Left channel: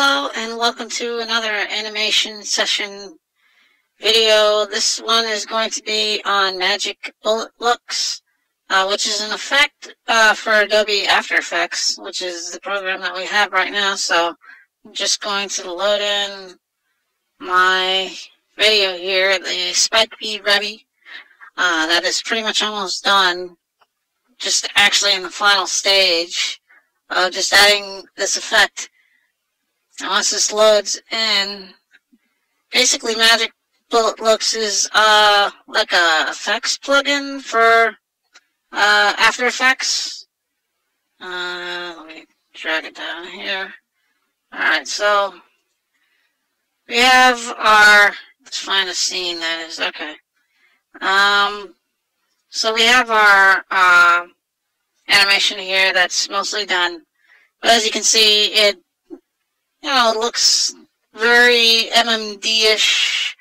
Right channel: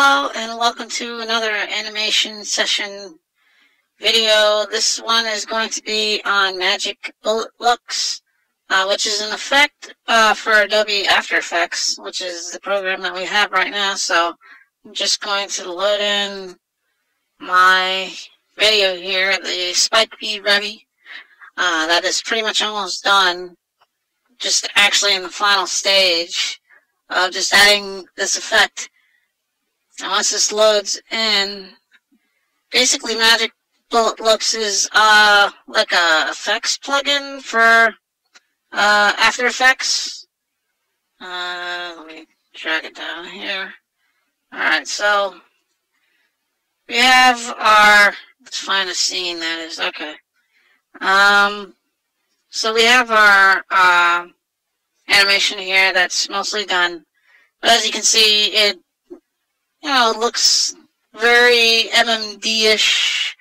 Hello and welcome to another animation session video. This one is going to be on Magic Bullet Looks, which is an effect for Adobe After Effects, which is the program that we have right now. So I'm just going to load in my video here, the Spike Bee Revy. That is pretty much almost done, just actually in the final stage of just adding this effect. And once this loads in, basically Magic Bullet Looks is like a effects plugin for After Effects. Let me drag it down here. Alright, so we have our, let's find a scene that is, okay. So we have our animation here that's mostly done. But as you can see, it looks very MMD-ish,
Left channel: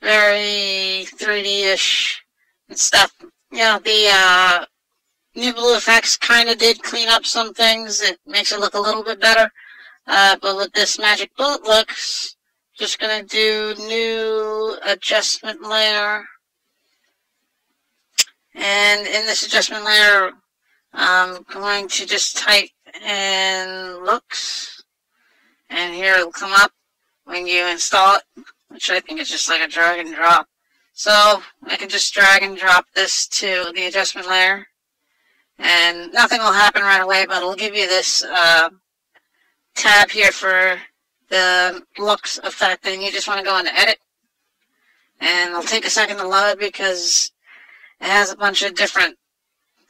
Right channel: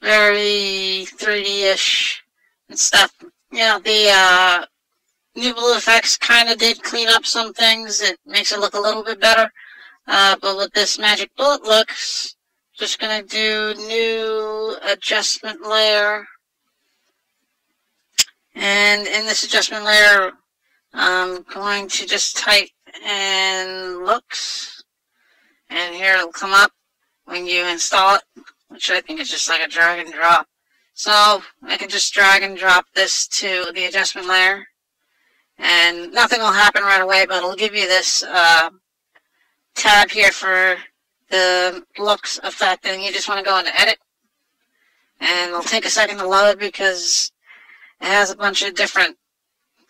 very 3D-ish and stuff. The new blue effects kind of did clean up some things. It makes it look a little bit better. But with this Magic Bullet Looks, just going to do new adjustment layer. And in this adjustment layer, I'm going to just type in looks. And here it'll come up when you install it, which I think is just like a drag and drop. So I can just drag and drop this to the adjustment layer. And nothing will happen right away, but it'll give you this tab here for the looks effect. And you just want to go into edit. And it'll take a second to load because it has a bunch of different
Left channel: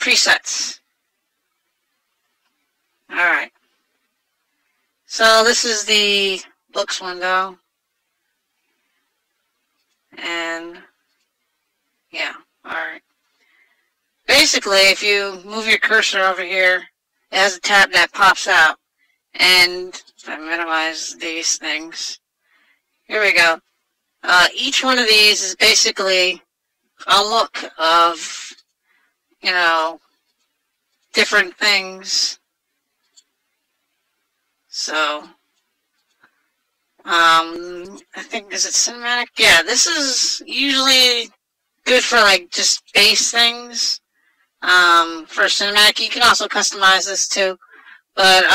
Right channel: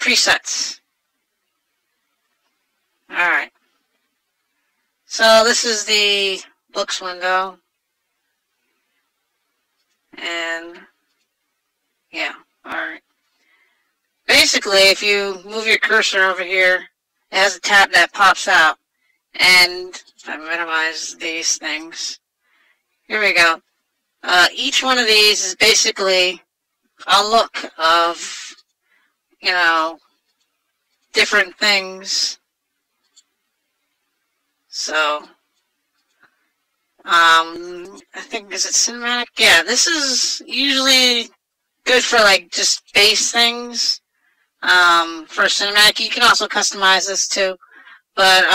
presets. Alright. So this is the looks window. And yeah, alright. Basically, if you move your cursor over here, it has a tab that pops out. And if I minimize these things, here we go. Each one of these is basically a look of, different things. So, I think, is it cinematic? Yeah, this is usually good for, just base things. For cinematic, you can also customize this too. But,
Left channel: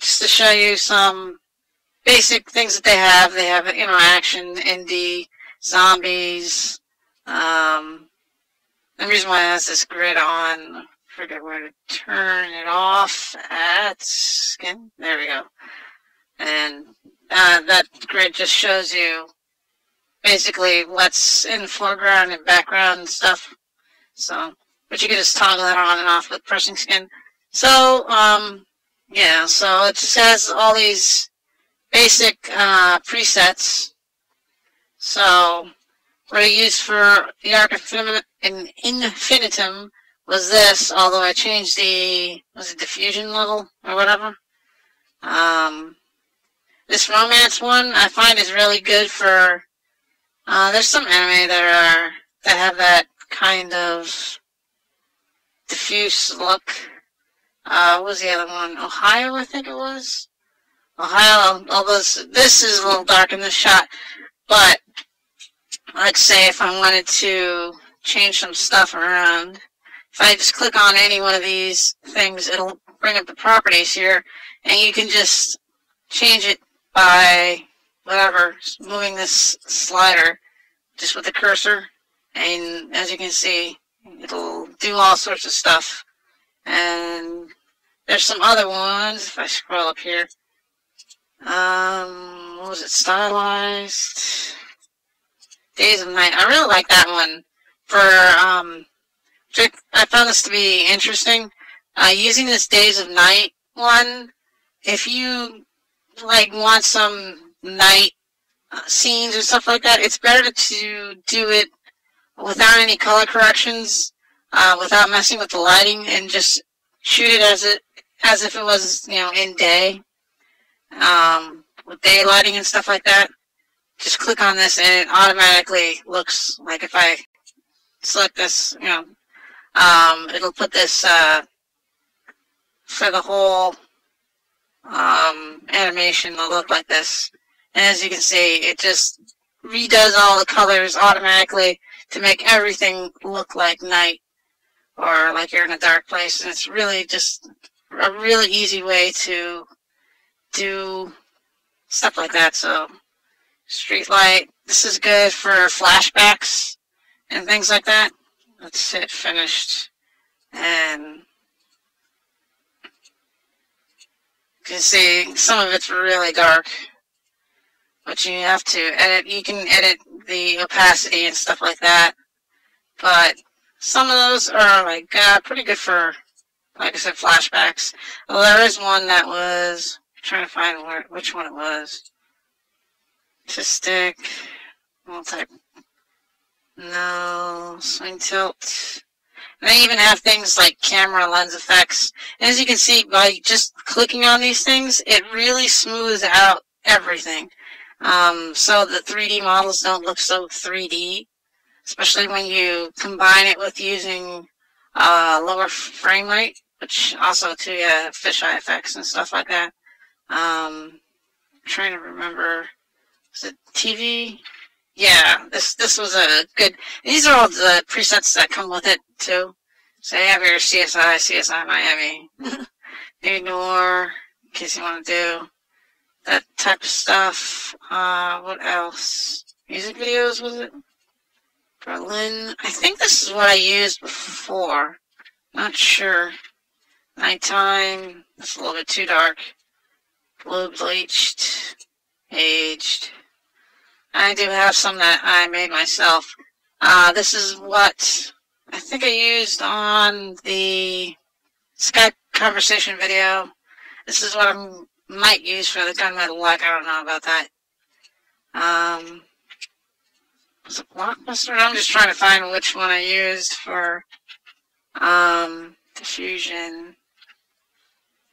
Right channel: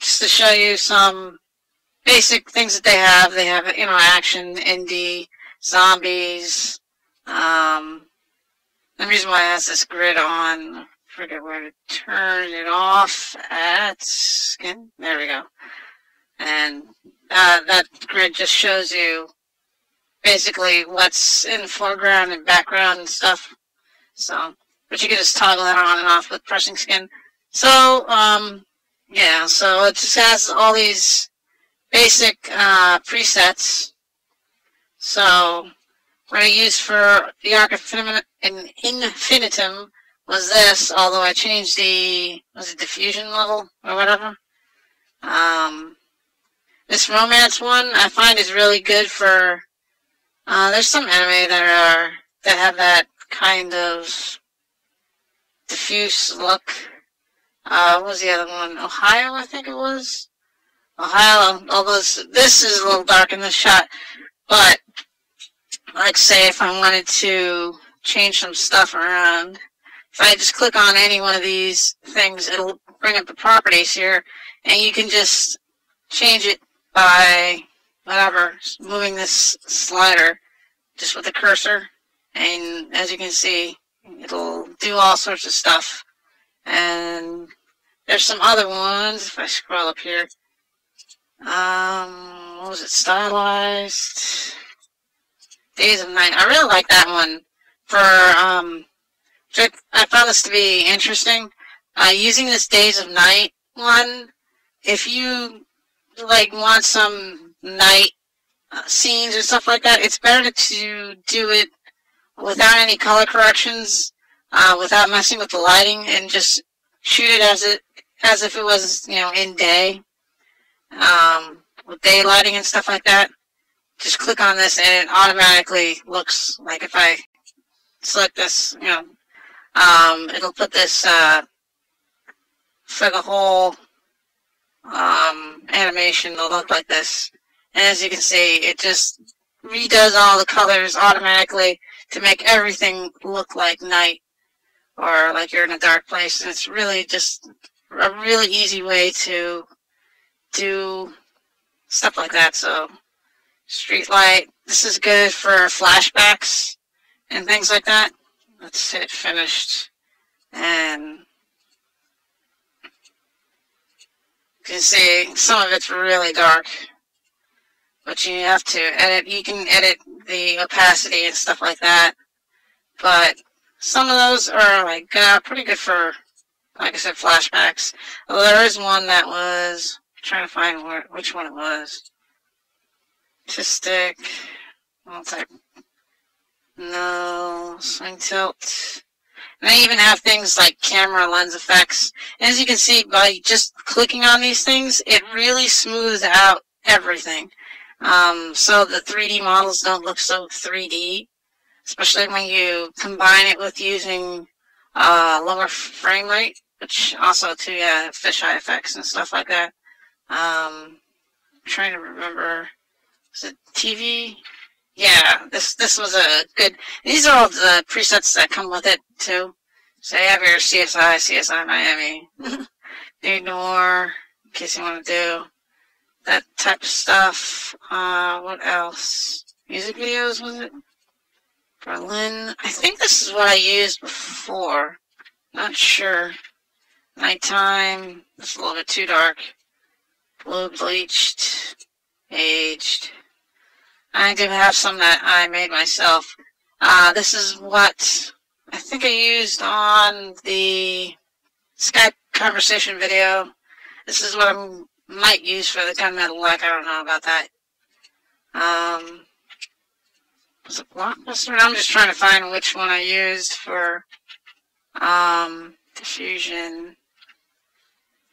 just to show you some basic things that they have interaction, indie, zombies. The reason why it has this grid on, I forget where to turn it off at skin. There we go. And that grid just shows you basically what's in the foreground and background and stuff. So, but you can just toggle it on and off with pressing skin. So, yeah, so it just has all these basic presets. So what I used for the Arc Infinitum was this, although I changed the, was it diffusion level or whatever? This romance one I find is really good for, there's some anime that have that kind of diffuse look. What was the other one? Ohio, I think it was. Ohio, although this is a little dark in this shot, but let's say if I wanted to change some stuff around, if I just click on any one of these things, it'll bring up the properties here, and you can just change it by whatever, moving this slider just with the cursor, and as you can see, it'll do all sorts of stuff. And there's some other ones, if I scroll up here. What was it? Stylized Days of Night. I really like that one for, I found this to be interesting. Using this Days of Night one, if you, want some night scenes or stuff like that, it's better to do it without any color corrections, without messing with the lighting, and just shoot it as if it was, in day, with daylighting and stuff like that. Just click on this and it automatically looks like, if I select this, it'll put this, for the whole animation will look like this. And as you can see, it just redoes all the colors automatically to make everything look like night or like you're in a dark place. And it's really just a really easy way to do stuff like that. So street light, this is good for flashbacks and things like that. Let's hit finished, and you can see some of it's really dark, but you have to edit. You can edit the opacity and stuff like that, but some of those are like pretty good for, like I said, flashbacks. Well, there is one that was, I'm trying to find which one it was. Artistic, multi, no, swing tilt. And they even have things like camera lens effects. And as you can see, by just clicking on these things, it really smooths out everything. So the 3D models don't look so 3D, especially when you combine it with using lower frame rate, which also too, yeah, fisheye effects and stuff like that. I'm trying to remember, was it TV? Yeah, this was a good. These are all the presets that come with it too. So you have your CSI Miami, New Noir, in case you want to do that type of stuff. What else? Music videos, was it? Berlin. I think this is what I used before. Not sure. Nighttime. It's a little bit too dark. Blue bleached, aged. I do have some that I made myself. This is what I think I used on the Skype conversation video. This is what I might use for the gunmetal black. I don't know about that. Was it Blockbuster? I'm just trying to find which one I used for diffusion.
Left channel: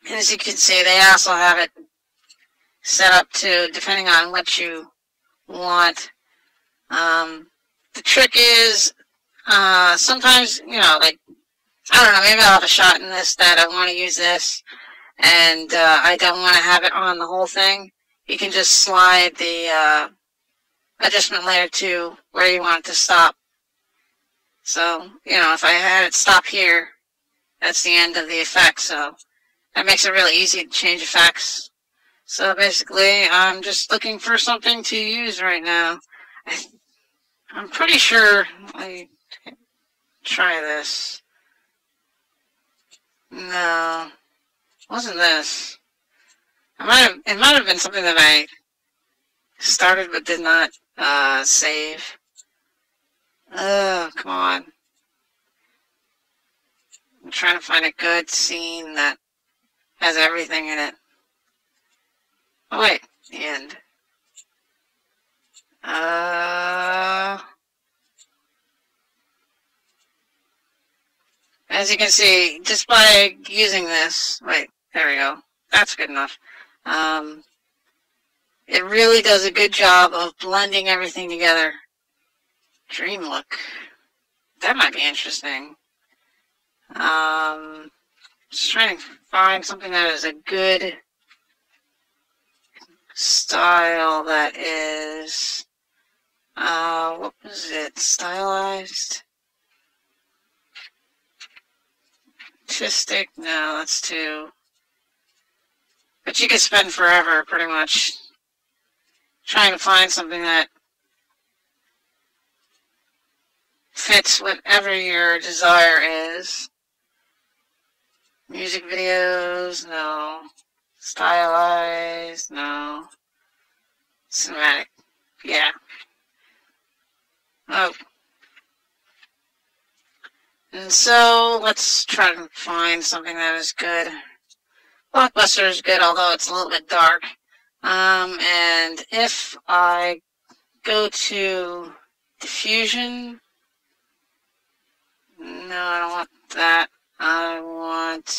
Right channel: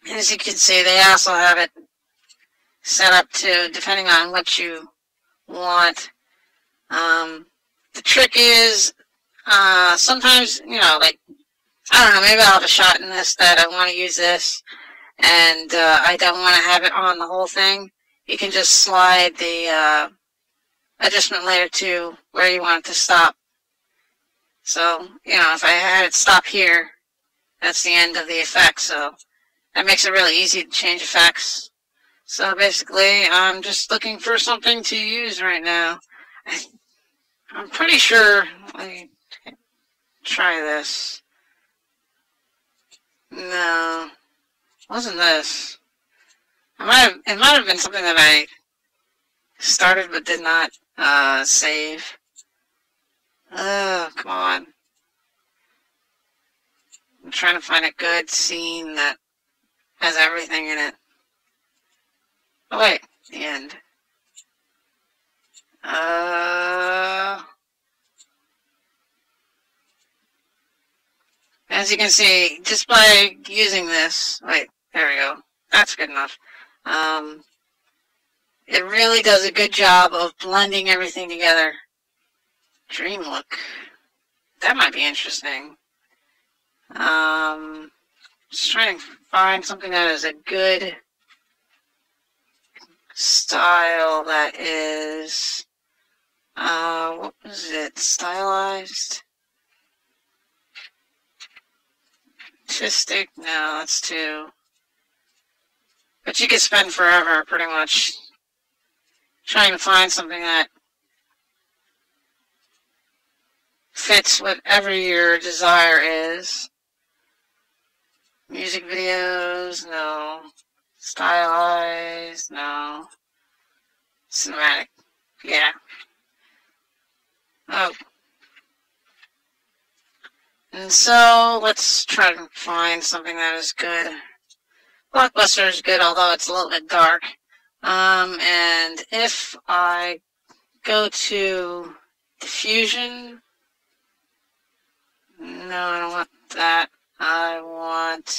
As you can see, they also have it set up to, depending on what you want. The trick is, sometimes, you know, like, I don't know, maybe I'll have a shot in this that I want to use this, and I don't want to have it on the whole thing. You can just slide the adjustment layer to where you want it to stop. So, you know, if I had it stop here, that's the end of the effect, so that makes it really easy to change effects. So basically, I'm just looking for something to use right now. I'm pretty sure, let me try this. No, wasn't this. It might have been something that I started but did not save. Oh, come on. I'm trying to find a good scene that has everything in it. Oh wait, the end. As you can see, just by using this, wait, there we go. That's good enough. It really does a good job of blending everything together. Dream look. That might be interesting. Just trying to find something that is a good style that is, what was it? Stylized? Artistic? No, that's too. But you could spend forever, pretty much, trying to find something that fits whatever your desire is. Music videos, no. Stylized, no. Cinematic, yeah. Oh. And so, let's try to find something that is good. Blockbuster is good, although it's a little bit dark. And if I go to diffusion, no, I don't want that. I want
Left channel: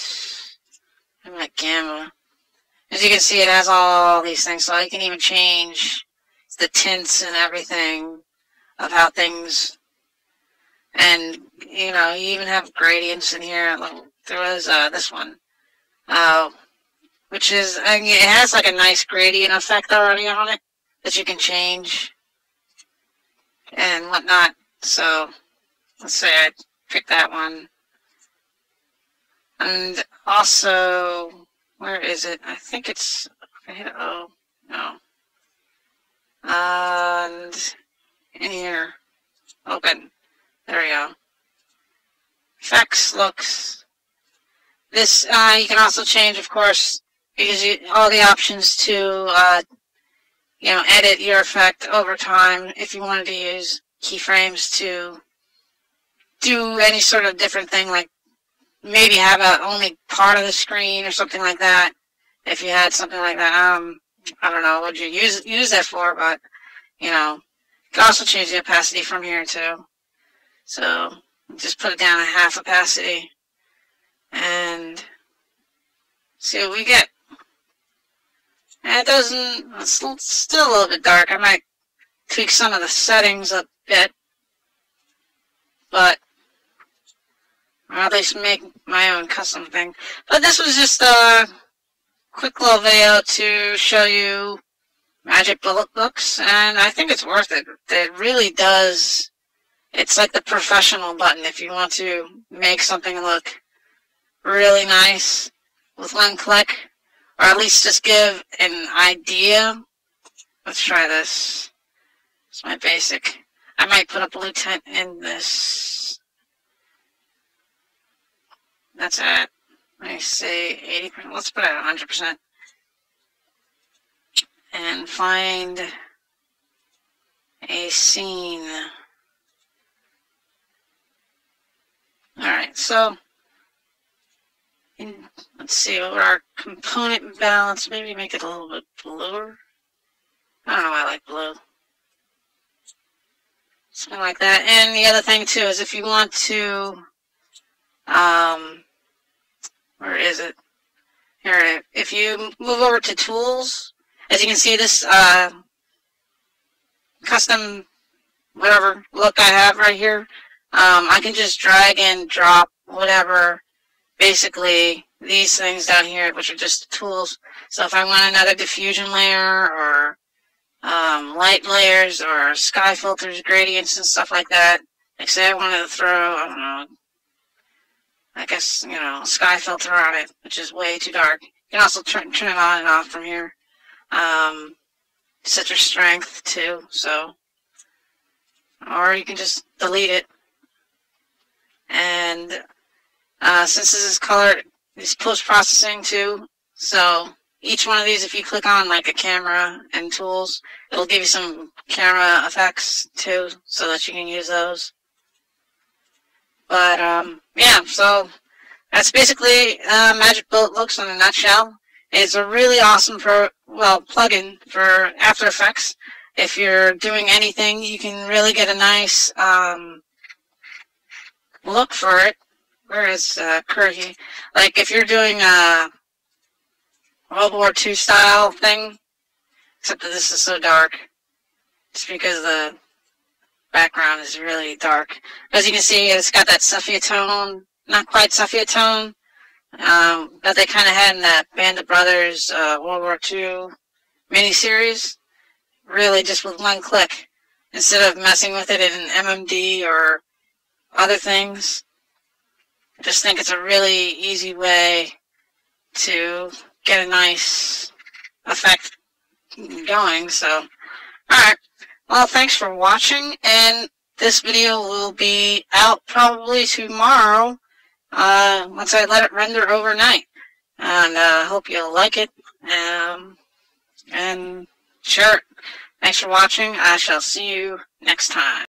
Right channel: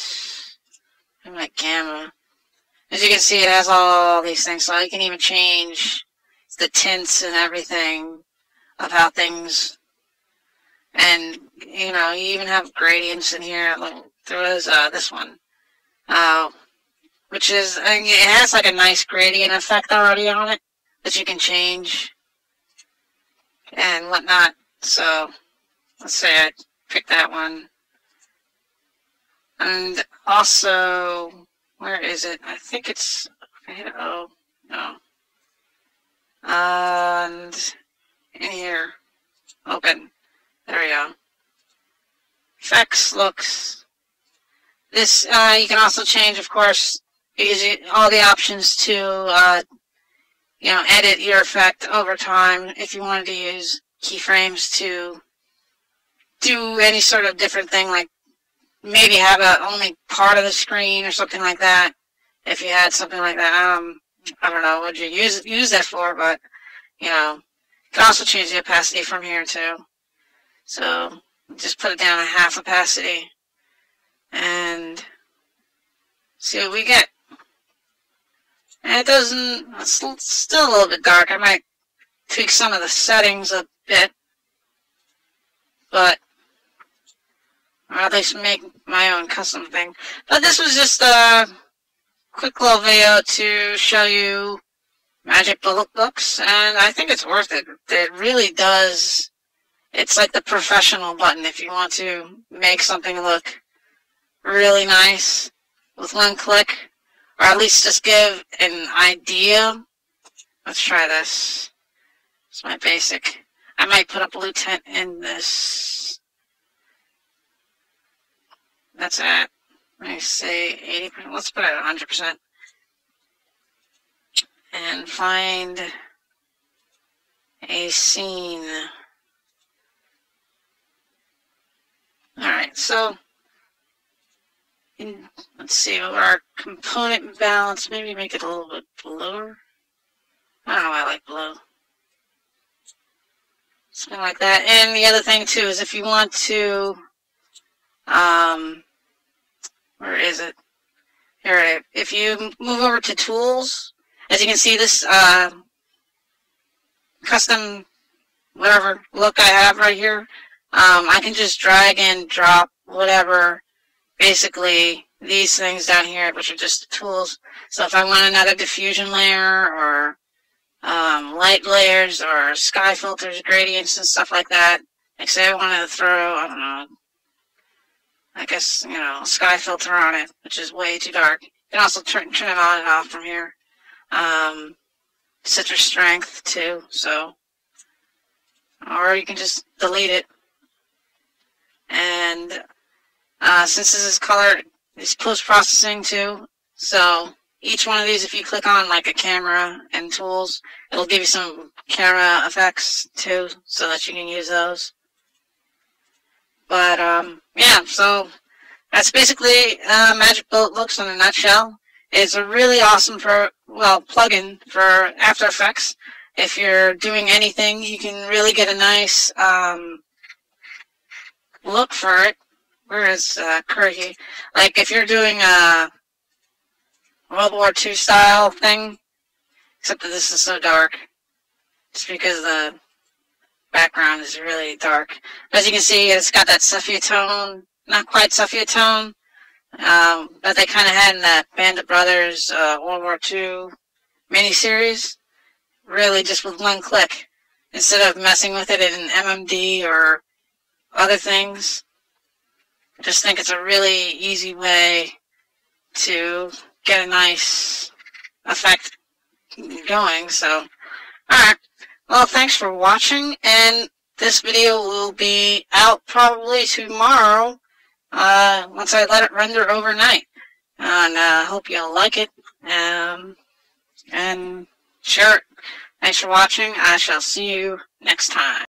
gamma. As you can see, it has all these things, so I can even change the tints and everything of how things, and, you know, you even have gradients in here. Like, there was this one. which is, I mean, it has like a nice gradient effect already on it that you can change and whatnot. So let's say I pick that one. And also, where is it? I think it's, I hit O, no. And in here, open. There we go. Effects, looks. This, you can also change, of course, all the options to, edit your effect over time if you wanted to use keyframes to do any sort of different thing, like maybe have only part of the screen or something like that. If you had something like that, I don't know what you use that for, but you can also change the opacity from here too. So just put it down to half opacity and see what we get. And it doesn't, it's still a little bit dark. I might tweak some of the settings a bit, but or at least make my own custom thing. But this was just a quick little video to show you Magic Bullet Books, and I think it's worth it. It really does. It's like the professional button if you want to make something look really nice with one click, or at least just give an idea. Let's try this. It's my basic. I might put a blue tint in this. That's at, let me say 80%. Let's put it at 100%. And find a scene. Alright, so let's see, our component balance, maybe make it a little bit bluer. I don't know, I like blue. Something like that. And the other thing too is if you want to, where is it? Here, if you move over to tools, as you can see, this custom whatever look I have right here, I can just drag and drop whatever, basically these things down here, which are just tools. So if I want another diffusion layer or light layers or sky filters, gradients and stuff like that, like say I wanted to throw, I don't know, I guess, sky filter on it, which is way too dark. You can also turn it on and off from here. Set your strength too, so, or you can just delete it. And since this is color, it's post-processing too, so each one of these, if you click on like a camera and tools, it'll give you some camera effects too, so that you can use those. But yeah, so that's basically Magic Bullet Looks in a nutshell. It's a really awesome plugin for After Effects. If you're doing anything, you can really get a nice look for it. Where is Curry? Like if you're doing a World War II style thing, except that this is so dark, just because the background is really dark. As you can see, it's got that sepia tone, not quite sepia tone, that they kind of had in that Band of Brothers World War II miniseries. Really just with one click, instead of messing with it in MMD or other things. I just think it's a really easy way to get a nice effect going. So, alright. Well, thanks for watching, and this video will be out probably tomorrow, once I let it render overnight. And I hope you'll like it, and share it. Thanks for watching. I shall see you next time.